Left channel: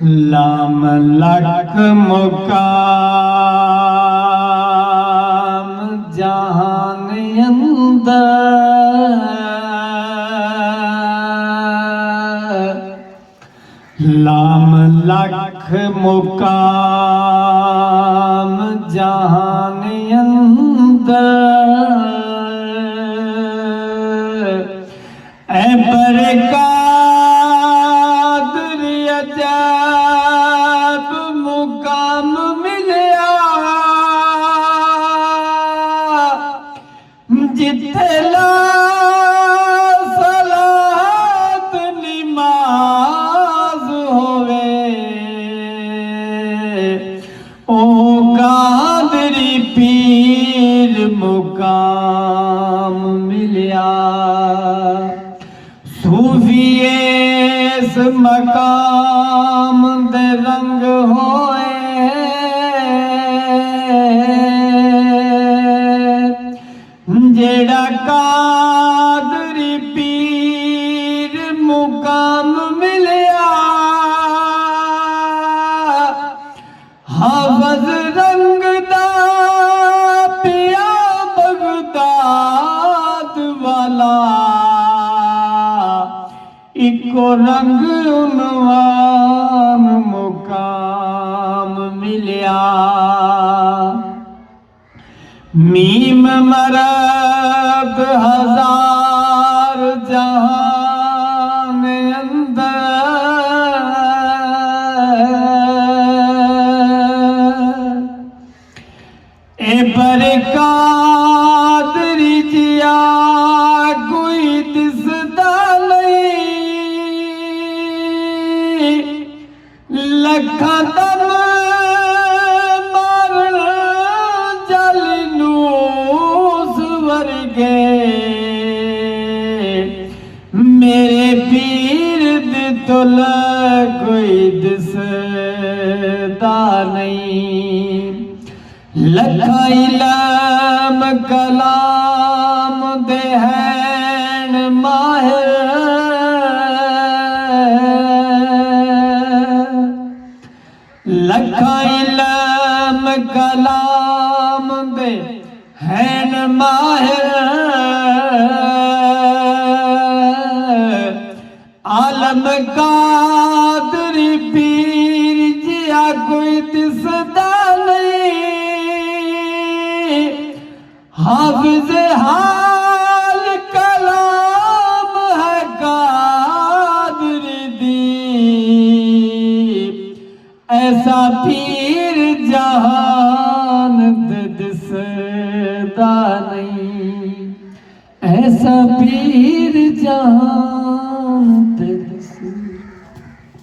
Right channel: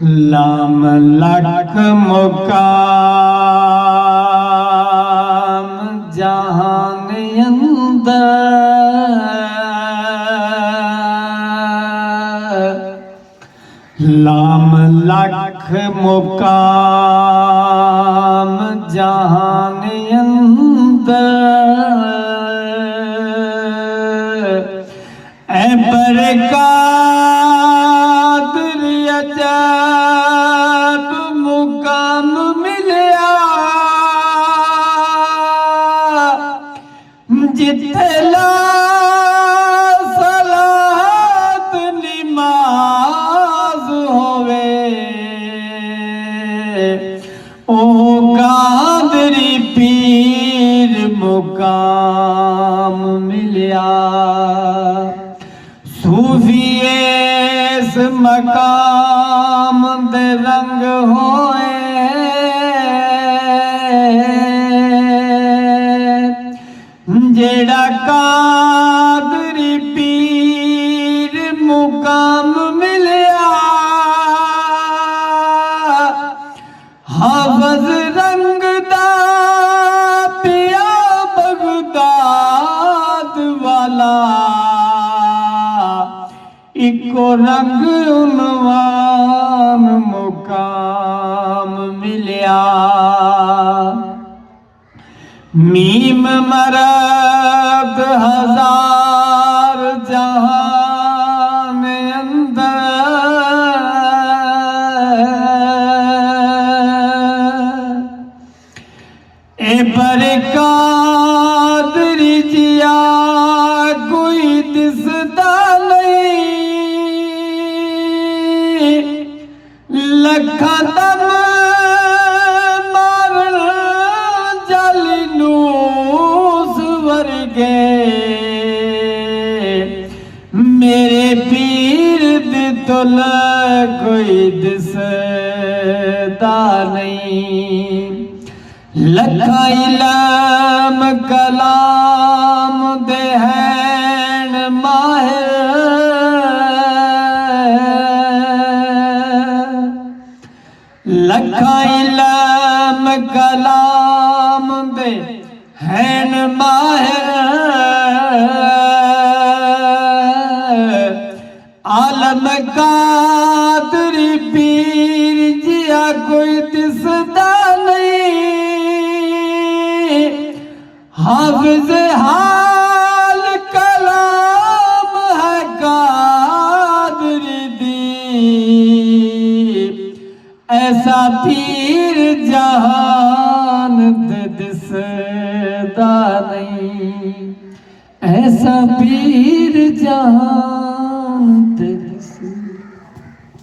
लाम लक मुकाम जहान अंदर, लाम लख मुकाम जहान अंदर, ऐ बरकादर अजब मुकाम मिलया, जिथे ला सलात नमाज होवे, ओ कादरी पीर मुकाम मिलया। सूफिए इस मकाम दे रंग होए, जेड़ा कादरी पीर मुकाम मिलया। हाफज रंग दा पिया बगदाद वाला, इको रंग उनवान मुकाम मिलया। मीम मरद हजार जहान अंदर, ए बरकादरी जिया कोई दिसदा नहीं, लखा दम मार जलनूस वर्गे, मेरे पीर दी तुल कोई दिसदा नहीं। लखा इल्म कलाम दे हैन माहिर, लखा इल्म कलाम दे हैन माहिर, आलम कादरी पीर जिया कोई दिसदा नहीं। हाफिज हाल कलाम है कादरी दी, ऐसा पीर जहान दे दिसदा नहीं, ऐसा पीर जहान